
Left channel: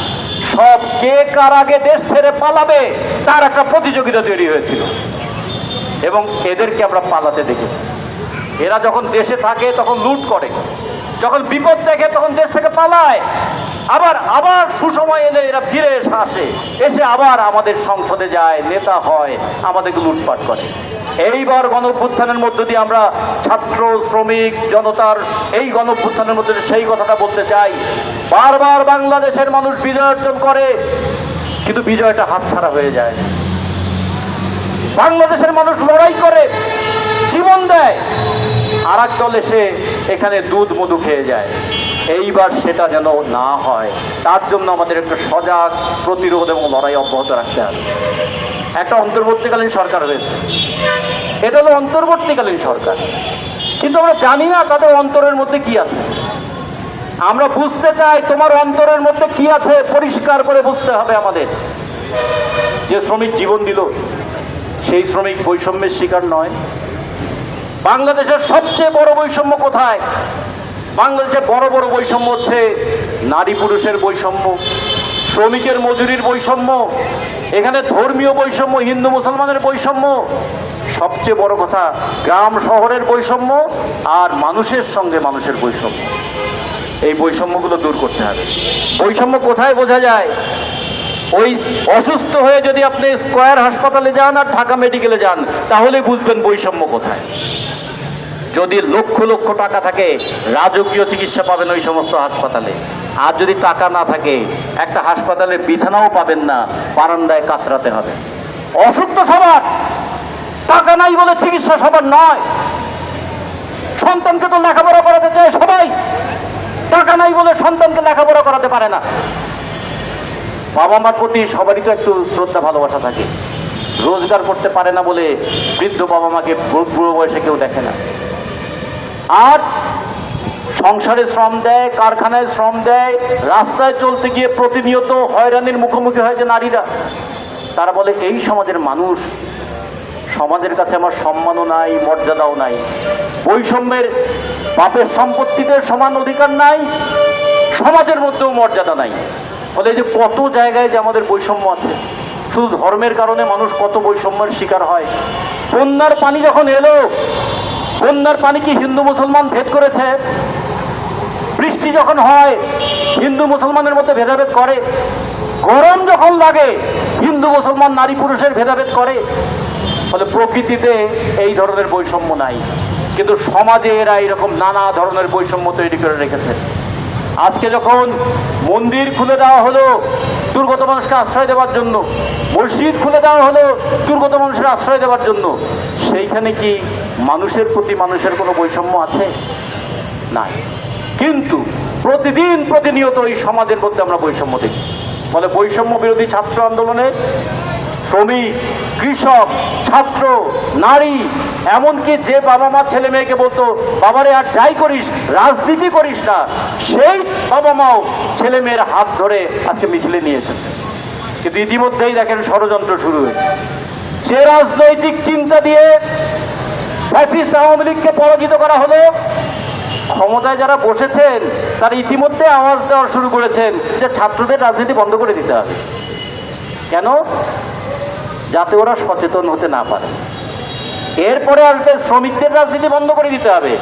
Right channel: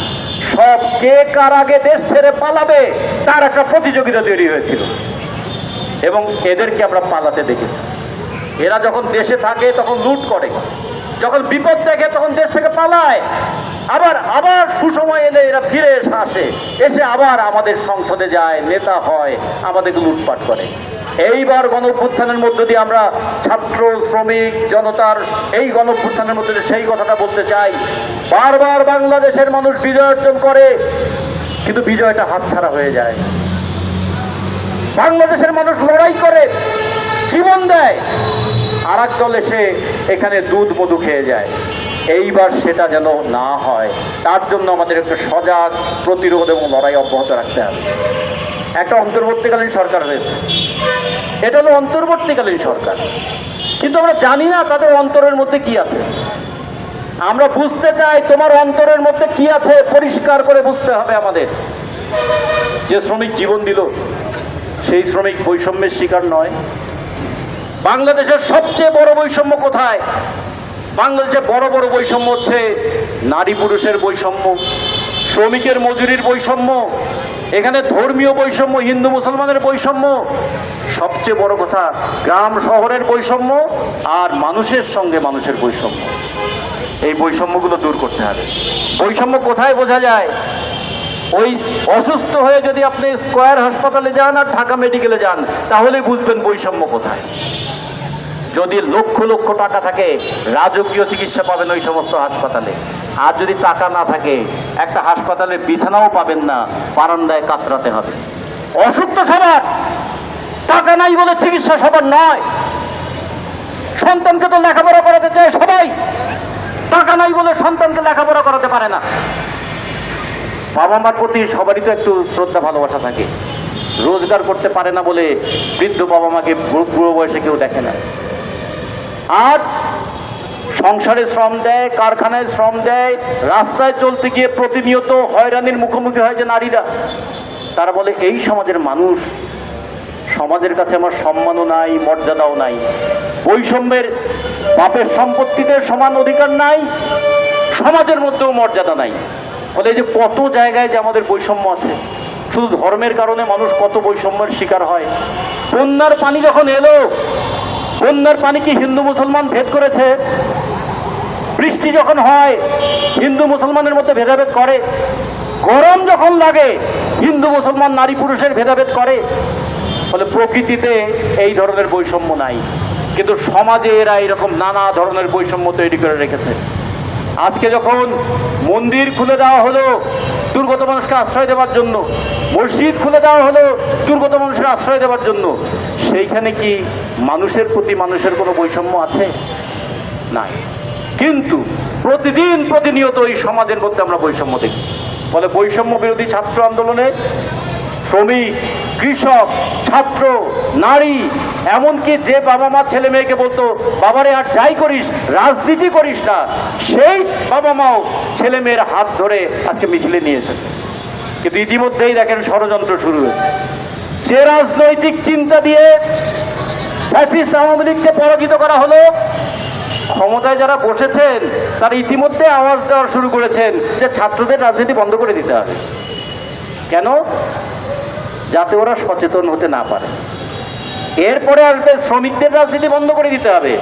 সব কে কার আগে দেশ ছেড়ে পালাবে তার একটা প্রতিযোগিতা তৈরি হয়েছিল, এবং এদেরকে আমরা পালাতে দেখেছি। এরা যখন দেশে থাকে তখন লুট করে, যখন বিপদ দেখে তখন দেশ থেকে পালায়, আবার সুসময় এলে এরা ফিরে এসে আবার আমাদের সংসদে যায়, নেতা হয়, আমাদেরকে লুটপাট করে। এইবার গণঅভ্যুত্থানের মধ্য দিয়ে আমরা ছাত্র, শ্রমিক, জনতার এই গণঅভ্যুত্থানের মধ্যে দিয়ে সেই কথাটা বলতে চাই। বারবার বাংলাদেশের মানুষ বিজয় অর্জন করে, কিন্তু বিজয়টা হাতছাড়া হয়ে যায়। বাংলাদেশের মানুষ লড়াই করে, জীবন দেয়, আর এক দল এসে এখানে দুধ মধু খেয়ে যায়। এইবার সেটা যেন না হয়, তার জন্য আমাদের একটু সজাগ, প্রতিরোধ এবং লড়াই অব্যাহত রাখতে হবে। একটা অন্তর্বর্তীকালীন সরকার হয়েছে, এটা হলো অন্তর্বর্তীকালীন সরকার, কিন্তু আমরা জানি না তাদের অন্তরের মধ্যে কি আছে। আমরা বুঝতে চাই তোমার অন্তরের মধ্যে কি আছে, পরিষ্কার করে বুঝতে হবে আমাদের। যে শ্রমিক জীবন দিল, সেই শ্রমিক বৈষম্যের শিকার নয়। বাংলাদেশের সবচেয়ে বড় বৈষম্য কোথায়? বাংলাদেশে বড় বড় বৈষম্য হচ্ছে নারী পুরুষের বৈষম্য, শ্রমিকের মজুরির বৈষম্য, এখানে ধর্মীয় বৈষম্য, হিন্দু মুসলমানের বৈষম্য, সবচেয়ে বড় কথা গ্রাম শহরের বৈষম্য, আর মানুষের সঙ্গে মানুষের বৈষম্য। এই বৈষম্যগুলো দূর করতে হবে। বৈষম্য কোথায় বোঝা যায়? ওই অসুস্থ হয়ে যদি আপনি স্কয়ার হাসপাতালে যান আর ঢাকা মেডিকেলে যান, তাহলে বুঝবেন বৈষম্য কোথায়। যদি লক্ষ লক্ষ টাকা থাকে, রাজকীয় চিকিৎসা পাবেন ওই সমস্ত হাসপাতালে। আর যদি টাকা না থাকে, একটা হাসপাতালে বিছানাও পাবেন না, বারান্দায় কাতরাতে হবে। অসুখ তো সবার, টাকা নাই বলে চিকিৎসা সবার নয়। সন্তানকে তো লেখাপড়া করাতে চায় সবাই, টাকা নাই বলে সন্তানকে লেখাপড়া করাতে পারে না। বাবা মার প্রতি সবারই তো একটু শ্রদ্ধা ভালোবাসা থাকে। রোজগার করতে পারে না বলে বৃদ্ধ বাবা মাকে বুড়ো বয়সে কেউ দেখে না। আর সংসারে শ্রম দেয়, কারখানায় শ্রম দেয়, রাস্তায় চলতে গিয়ে প্রতিনিয়ত হয়রানির মুখোমুখি হয় যে নারীরা। তারা বলে এই সমাজের মানুষ সমাজের কাছে আমার সম্মানও নাই, মর্যাদাও নাই। বৈষম্যের বাপের সম্পত্তিতে সমান অধিকার নাই, সমাজের মধ্যেও মর্যাদা নাই। ফলে এই যে কত জায়গায় যে আমাদের বৈষম্য আছে, শুধু ধর্মের কারণে মানুষ কত বৈষম্যের শিকার হয়। বন্যার পানি যখন এলো, বন্যার পানি কি হিন্দু মুসলমান ভেদ করেছে? বৃষ্টি যখন হয় হিন্দু মুসলমানের মধ্যে ভেদাভেদ করে? গরম যখন লাগে হিন্দু মুসলমান নারী পুরুষের ভেদাভেদ করে? ফলে প্রকৃতিতে এই ধরনের বৈষম্য নাই, কিন্তু সমাজে এরা এরকম নানা ধরনের বৈষম্য তৈরি করে রেখেছে। আজকে যখন মন্দির খুলে দেওয়া হলো দুর্গত মানুষকে আশ্রয় দেওয়ার জন্য, মসজিদ খুলে দেওয়া হলো দুর্গত মানুষের আশ্রয় দেওয়ার জন্য, সেইখানে কি মানুষের প্রতি মানুষের কোনো বৈষম্য আছে? নাই। কিন্তু প্রতিদিন প্রতিনিয়ত এই সমাজের মধ্যে আমরা বৈষম্য দেখি। ফলে বৈষম্য বিরোধী ছাত্র আন্দোলনে শ্রমিক, কৃষক, ছাত্র, নারী, এমনকি যে বাবা মা ছেলে মেয়েকে বলতো বাবারে আর যাই করিস রাজনীতি করিস না, সেই বাবা মাও ছেলে মেয়ের হাত ধরে আজকে মিছিলে নিয়ে এসেছে। কিন্তু ইতিমধ্যেই দেখেন ষড়যন্ত্র শুরু হয়েছে। যে রাজনৈতিক চিন্তা দিয়ে ফ্যাসিস্ট আওয়ামী লীগকে পরাজিত করা হলো, ক্ষমতায় যারা বসেছেন তারা ইতিমধ্যে আওয়াজ দেওয়া শুরু করেছেন যে ছাত্রদের রাজনীতি বন্ধ করে দিতে হবে। কেন? যাতে ওরা সচেতন হতে না পারে। এরপরে আসবে শ্রমিকদের রাজনীতি বন্ধ করে দিতে হবে।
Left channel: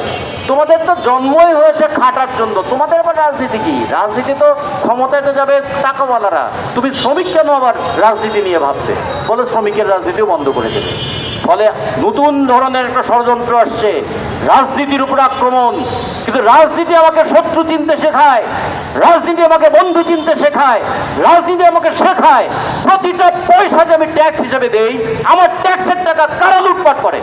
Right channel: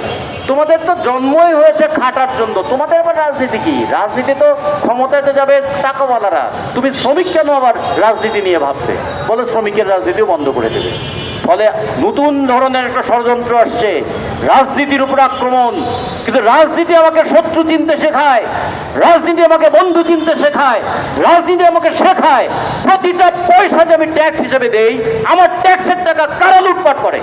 তোমাদের তো জন্মই হয়েছে খাটার জন্য, তোমাদের আবার রাজনীতি কি? রাজনীতি তো ক্ষমতাতে যাবে টাকাওয়ালারা, তুমি শ্রমিক কেন আবার রাজনীতি নিয়ে ভাবতে? বলে শ্রমিকের রাজনীতিও বন্ধ করে দেবে। ফলে নতুন ধরনের একটা ষড়যন্ত্র আসছে, রাজনীতির উপর আক্রমণ। কিন্তু রাজনীতি আমাকে শত্রু চিনতে শেখায়, রাজনীতি আমাকে বন্ধু চিনতে শেখায়, রাজনীতি আমাকে শেখায় প্রতিটা পয়সা যে আমি ট্যাক্স হিসেবে দেই, আমার ট্যাক্সের টাকা কারা লুটপাট করে।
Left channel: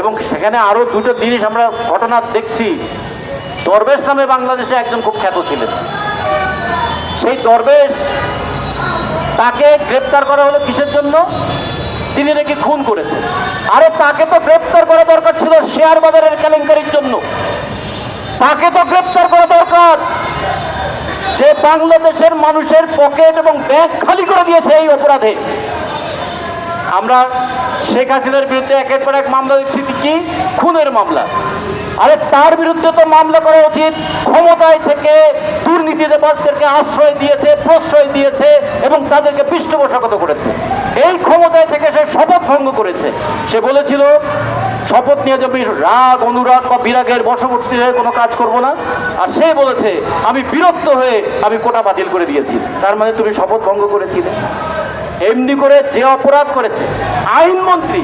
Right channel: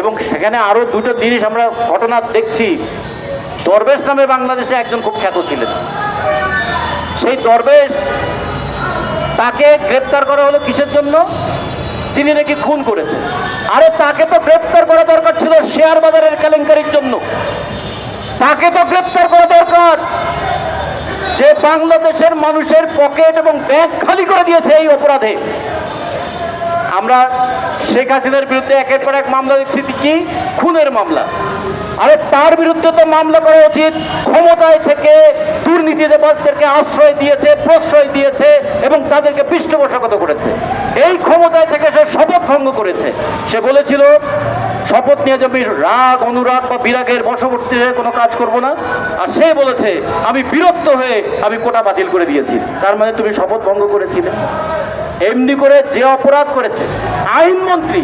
এবং সেখানে আরো দুটো জিনিস আমরা ঘটনা দেখছি। দরবেশ নামে বাংলাদেশে একজন খুব খ্যাত ছিলেন। সেই দরবেশ, তাকে গ্রেপ্তার করা হলো কিসের জন্য? তিনি নাকি খুন করেছেন। আরে তাকে তো গ্রেপ্তার করা দরকার ছিল শেয়ার বাজারের কেলেঙ্কারির জন্য। তাকে তো গ্রেপ্তার করা দরকার যে বাংলাদেশের মানুষের পকেট এবং ব্যাংক খালি করে দিয়েছে এই অপরাধে। আমরা শেখ হাসিনার বিরুদ্ধে একের পর এক মামলা দেখছি, কি খুনের মামলা। আরে তার বিরুদ্ধে তো মামলা করা উচিত ক্ষমতায় থেকে দুর্নীতিবাজদেরকে আশ্রয় দিয়েছে, প্রশ্রয় দিয়েছে এবং তাদেরকে পৃষ্ঠপোষকতা করেছে। এই ক্ষমতায় থেকে সে শপথ ভঙ্গ করেছে। সে বলেছিল শপথ নিয়ে যে আমি রাগ, অনুরাগ বা বিরাগের বশবর্তী হয়ে কোনো কাজ করব না। আর সে বলেছে আমি বিরক্ত হয়ে আমি কোটা বাতিল করে দিয়েছি। তার মানে তুমি শপথ ভঙ্গ করেছিলে। এমনি করে যে অপরাধ করেছে, আইনমন্ত্রী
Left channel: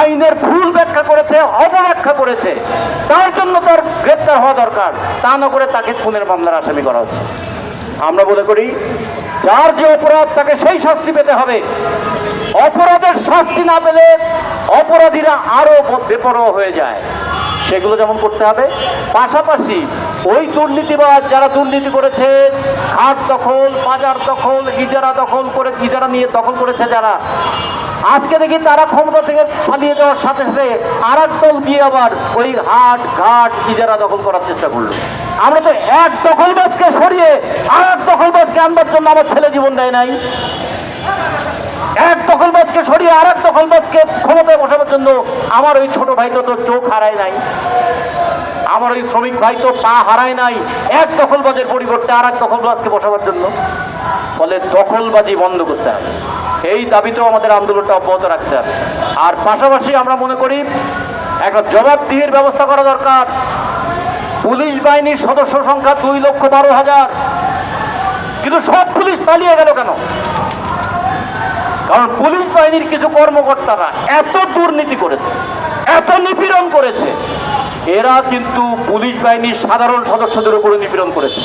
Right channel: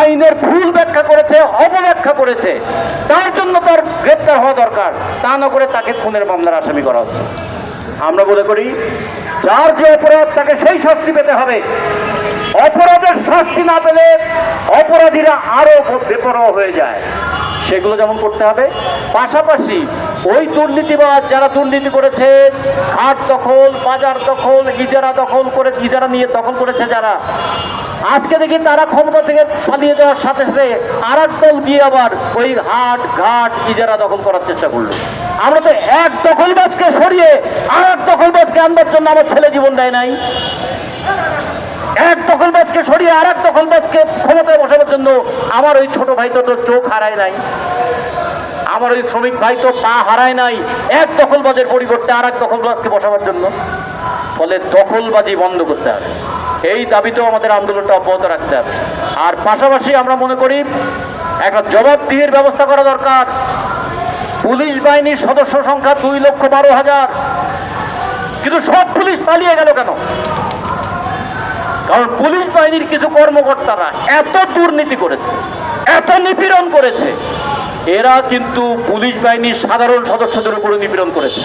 আইনের ভুল ব্যাখ্যা করেছে, অপব্যাখ্যা করেছে, তার জন্য তার গ্রেপ্তার হওয়া দরকার। তা না করে তাকে খুনের মামলার আসামি করা হচ্ছে। আমরা মনে করি যার যে অপরাধ তাকে সেই শাস্তি পেতে হবে। অপরাধের শাস্তি না পেলে অপরাধীরা আরো বেপরোয়া হয়ে যায়। সেগুলো যেমন করতে হবে, পাশাপাশি ওই দুর্নীতিবাজ যারা দুর্নীতি করেছে, খাট দখল, বাজার দখল, ইজারা দখল করে, ইজারা নিয়ে দখল করেছে যারা, আজকে দেখি তারা ক্ষমতা থেকে পালিয়ে যাওয়ার সাথে সাথে আর এক দল গিয়ে আবার ওই হাট ঘাট ইজারা দখল করার চেষ্টা করলো। আমরা তো এক দখলবাজকে সরিয়ে আর এক দখলবাজকে আনবার জন্য আমার ছেলে জীবন দেয় নাই। এক দখলবাজকে সরিয়ে আর এক দখলবাজকে ক্ষমতায় বসাবার জন্য আমার ওই ছোট ভাই তো চোখ হারায় নাই, আমার ওই শ্রমিক ভাই তো পা হারায় নাই এক দখলবাজের পরিবর্তে আর এক দখলবাজকে বসাবার জন্য। ফলে দখলবাজি বন্ধ করতে হবে, এই দাবিতেও আমাদের আন্দোলনটা অব্যাহত রাখতে হবে। আর পাশাপাশি আমরা মনে করি একটা জবাবদিহির ব্যবস্থা করা দরকার। পুলিশ বাহিনীর সদস্য সংখ্যা 2,12,000, কিন্তু সব পুলিশ পালিয়ে গেল কেন? কারণ পুলিশ বাহিনীর কিছু কর্মকর্তারা এত দুর্নীতি করেছে, এত নিপীড়ন করেছে, এরা কিন্তু পুলিশ বাহিনীর সাধারণ সদস্যদের উপরে নিপীড়ন করেছে।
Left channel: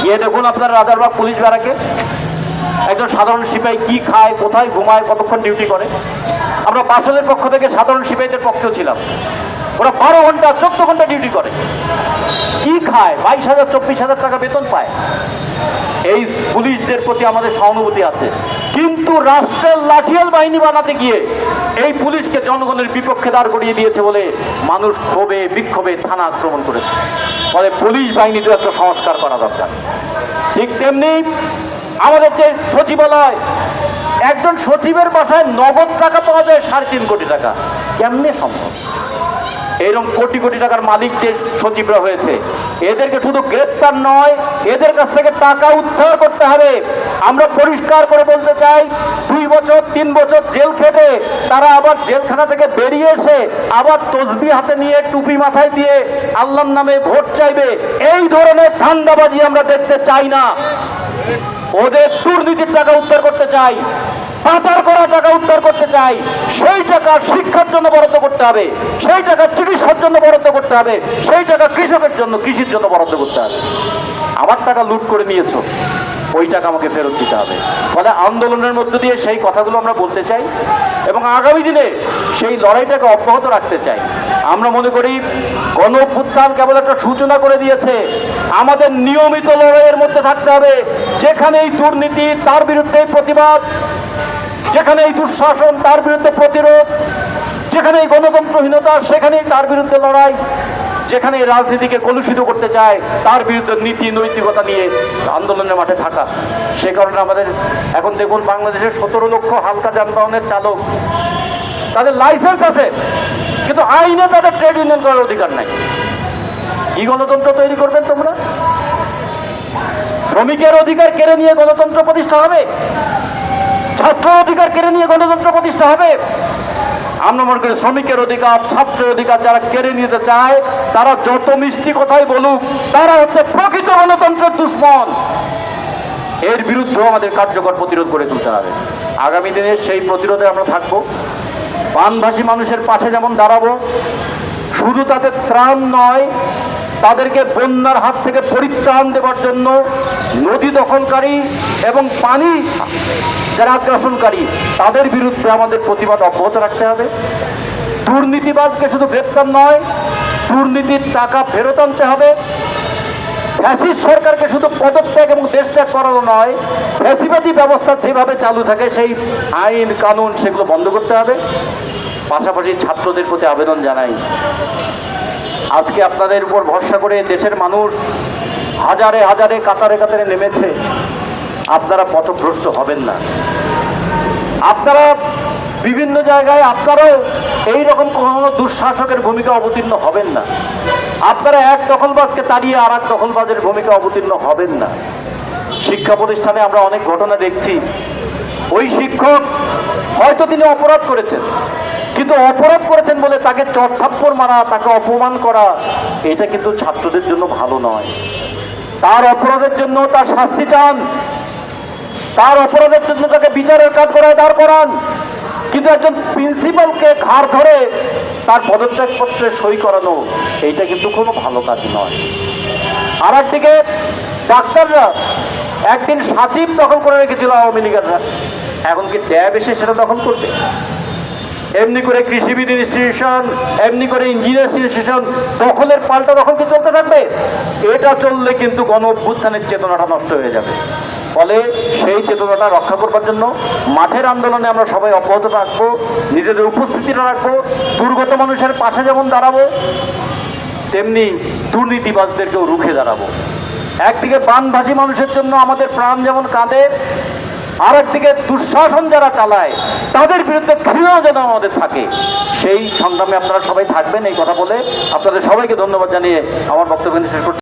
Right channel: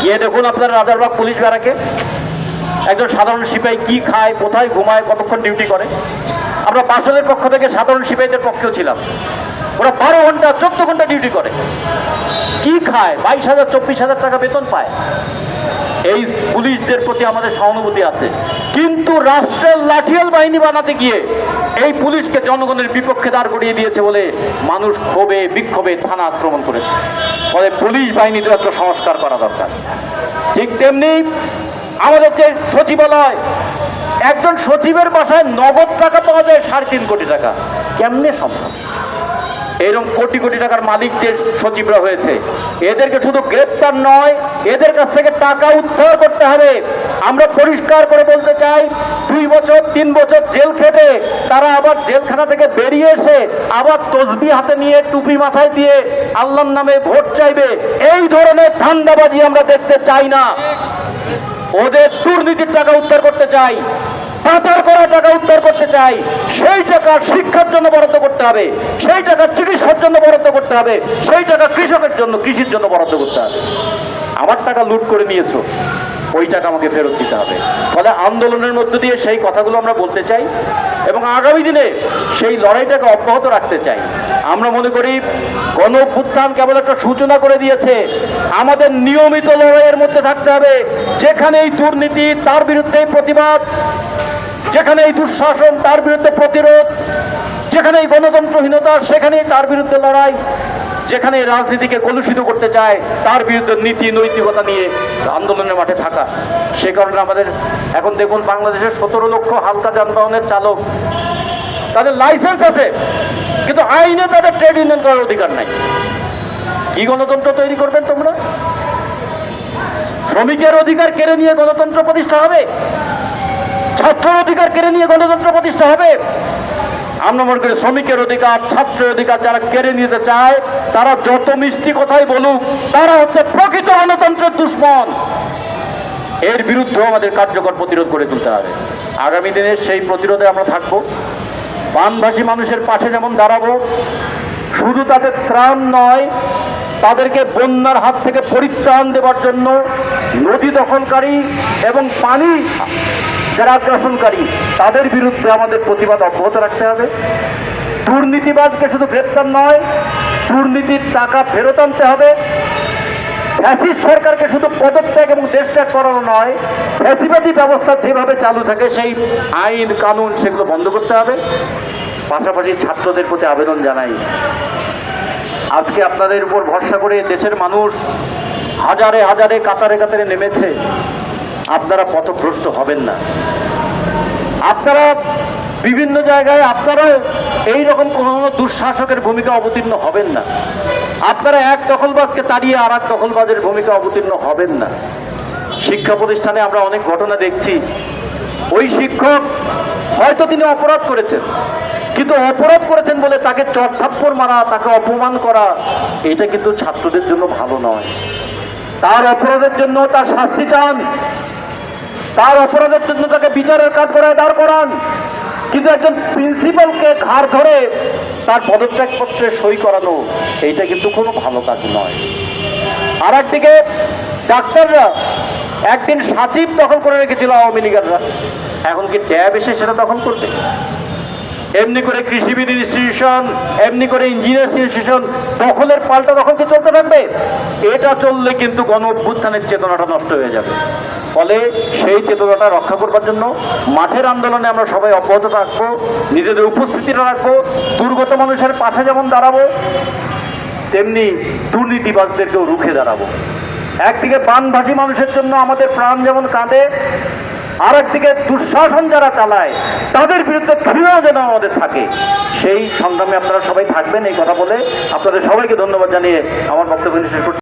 গিয়ে দেখুন আপনার রাজারবাগ পুলিশ ব্যারাকে একজন সাধারণ সিপাহী কি খায়, কোথায় ঘুমায়, কতক্ষণ ডিউটি করে। আমরা বাসনের পক্ষ থেকে সাধারণ সিপাহীদের পক্ষেও ছিলাম। ওরা 12 ঘন্টা 14 ঘন্টা ডিউটি করে, কি খায়, 22,000 24,000 টাকা বেতন পায়। এই পুলিশদের প্রতি আমাদের সহানুভূতি আছে, কিন্তু রাষ্ট্রের লাঠিয়াল বাহিনী বানাতে গিয়ে এই পুলিশকে জনগণের বিপক্ষে দাঁড় করিয়ে দিয়েছে বলে মানুষ ক্ষোভে বিক্ষোভে থানা আক্রমণ করেছে। ফলে পুলিশ বাহিনীতে একটা সংস্কার করা দরকার। ঠিক তেমনি আমাদের যে সচিবালয়, একজন একজন সচিবের বাসায় নগদ টাকা পাওয়া যায় 3.5 কোটি টাকা, কেমনে সম্ভব? এরকম কোটি কোটি টাকার মালিক যে সচিবরা হয়েছে, এদেরকে শুধু গ্রেপ্তার নয়, এদের কাছ থেকে টাকা উদ্ধার করতে হবে। আমরা পরিষ্কার করে বলতে চাই, 2 বছর 3 বছর জেল খেটে তারা আবার জেলখানা থেকে বেরিয়ে এসে আবার তসবিহ হাতে নিয়ে টুপি মাথায় দিয়ে আল্লাহর নামে ভোট চাইবে, এই ধরনের ধান্দাবাজি আমরা দেখতে চাই না। ওদের দুর্নীতির টাকা উদ্ধার করতে চাই, পাচার করা টাকা উদ্ধার করতে চাই। সেই টাকা শিক্ষার জন্য বরাদ্দ করতে হবে, সেই টাকা চিকিৎসার জন্য বরাদ্দ করতে হবে, সেই টাকা কৃষকের জন্য, কৃষির জন্য বরাদ্দ করতে হবে। আমার টাকা লুট করে নিয়েছো, ওই টাকা আমাকে ফেরত দিতে হবে। ফলে আন্দোলনের মধ্য দিয়ে সেই কথাগুলো আমরা বলতে চাই এবং আগামী দিনে সেই লড়াইটাকে অব্যাহত রাখতে চাই। আমরা মনে করি গণ অভ্যুত্থান কেবল একটা সূচনা করে দিয়েছে, আমাদের নিয়মিত লড়াইয়ের মধ্যে থাকতে হবে। যেখানেই দুর্নীতি তার বিরুদ্ধে প্রতিবাদ, যেখানেই দুঃশাসন তার বিরুদ্ধে প্রতিরোধ, যেখানেই গণতন্ত্রহীনতা সেখানেই তার বিরুদ্ধে লড়াই, যেখানে রাজনীতিকে কলুষিত করতে চায় তার বিরুদ্ধে নীতি নৈতিকতা নিয়ে আন্দোলনের মাঠে থাকা। সে কারণে আমাদের এখন দেখুন, বাংলাদেশের 17 লক্ষ হালকা যানবাহনের চালক, তাদের লাইসেন্স আছে কিন্তু আইনে তাদের ট্রেড ইউনিয়ন করার অধিকার নাই। কি গণতন্ত্র তৈরি করবেন তোমরা? শ্রমিকের অধিকার কেড়ে নিয়ে গণতন্ত্র প্রতিষ্ঠা হবে? ছাত্র অধিকার কেড়ে নিয়ে গণতন্ত্র প্রতিষ্ঠা হবে? আমরা মনে করি শ্রমিকের অধিকার, ছাত্রের অধিকার যারা কেড়ে নিতে চায় তারা যত মিষ্টি কথাই বলুক, তারা হচ্ছে প্রকৃত গণতন্ত্রের দুশ্মন। এর বিরুদ্ধে আমাদের কার্যকর প্রতিরোধ করে তুলতে হবে। আগামী দিনে সেই প্রতিরোধে আমরা থাকবো। বানভাসী মানুষের পাশে যেমন দাঁড়াবো, শুধু তাদের ত্রাণ নয়, তাদেরকে বন্যার হাত থেকে পরিত্রাণ দেওয়ার জন্য নদী দখলকারী এবং পানি যারা আগ্রাসনকারী তাদের বিরুদ্ধে আমাদের প্রতিবাদ অব্যাহত রাখতে হবে। দুর্নীতিবাদকে শুধু গ্রেপ্তার নয়, দুর্নীতির টাকা ফেরত আনতে হবে। ফ্যাসিস্ট সরকারকে শুধু পদত্যাগ এবং দেশত্যাগ করানো নয়, ফ্যাসিবাদী ব্যবস্থা যেভাবে চালু থাকে সেই আইন কানুন সেগুলো বন্ধ করতে হবে। পাশাপাশি ছাত্রদের প্রতি আবেদন জানাই, আজকে আপনাদের উপর ভরসা করে দেশের মানুষ হাজারে হাজারে কাতারে কাতারে নেমেছে। আপনারা পথভ্রষ্ট হবেন না। আপনারা বিভিন্ন জায়গায় আপনারাও এইরকম কোনো দুঃশাসকের ভূমিকা অবতীর্ণ হবেন না। আপনারা এক দখলবাজকে তাড়িয়ে আর এক দখলবাজের ভূমিকা অবতীর্ণ হবেন না। শিক্ষা প্রতিষ্ঠানে আমরা অনেক ঘটনা দেখছি, ওই শিক্ষক হয়তো তিনি অপরাধ করেছেন, কিন্তু অপরাধ করেছেন বলে তাকে চড়থাপ্পড় মারা, তাকে অপমান করা, এটা কিন্তু ছাত্রদের জন্য ভালো নয়। তার অপরাধের জন্য তার শাস্তি চান, তার অপরাধের জন্য তাকে বিচারের কাঠগড়ায় দাঁড় করান, কিন্তু একজন প্রিন্সিপালকে ঘাড় ধরে তার পদত্যাগপত্রে সই করানো, এইটা কিন্তু কোনো ভালো কাজ নয়। আর একদিকে ডাক্তাররা একদিন সাচিব দখল করে রেখেছিল আওয়ামী লীগাররা, এখন কি ট্যাব এসে সেটা দখল করবে? এমনি করে কৃষিবিদ ইনস্টিটিউশন, এমনি করে ইঞ্জিনিয়ার্স ইনস্টিটিউশন দখলের পাল্টা দখল কি চলতে থাকবে? এটা চললে কিন্তু গণ অভ্যুত্থানের চেতনাটা নষ্ট হয়ে যাবে। ফলে সেই চেতনাটা রক্ষা করবার জন্য মাঠের আন্দোলনে আমরা সবাই অব্যাহত রাখবো, নিজেদের উপস্থিতিটা রাখবো। দুর্গত মানুষের পাশে যেমন দাঁড়াবো, তেমনি দুর্নীতিবাজদেরকেও রুখে দাঁড়াবো। একদিকে বানভাসী মানুষের জন্য আমাদের প্রাণ যেমন কাঁদে, আর একদিকে দুঃশাসন যারা চালায় তাদের বিরুদ্ধে ঘৃণা যেন আমাদের থাকে। সেই সংগ্রামে আপনারা সবাই থাকবেন, এই কথা বলে আপনাদের সবাইকে ধন্যবাদ জানিয়ে আমার বক্তব্য শেষ করছি।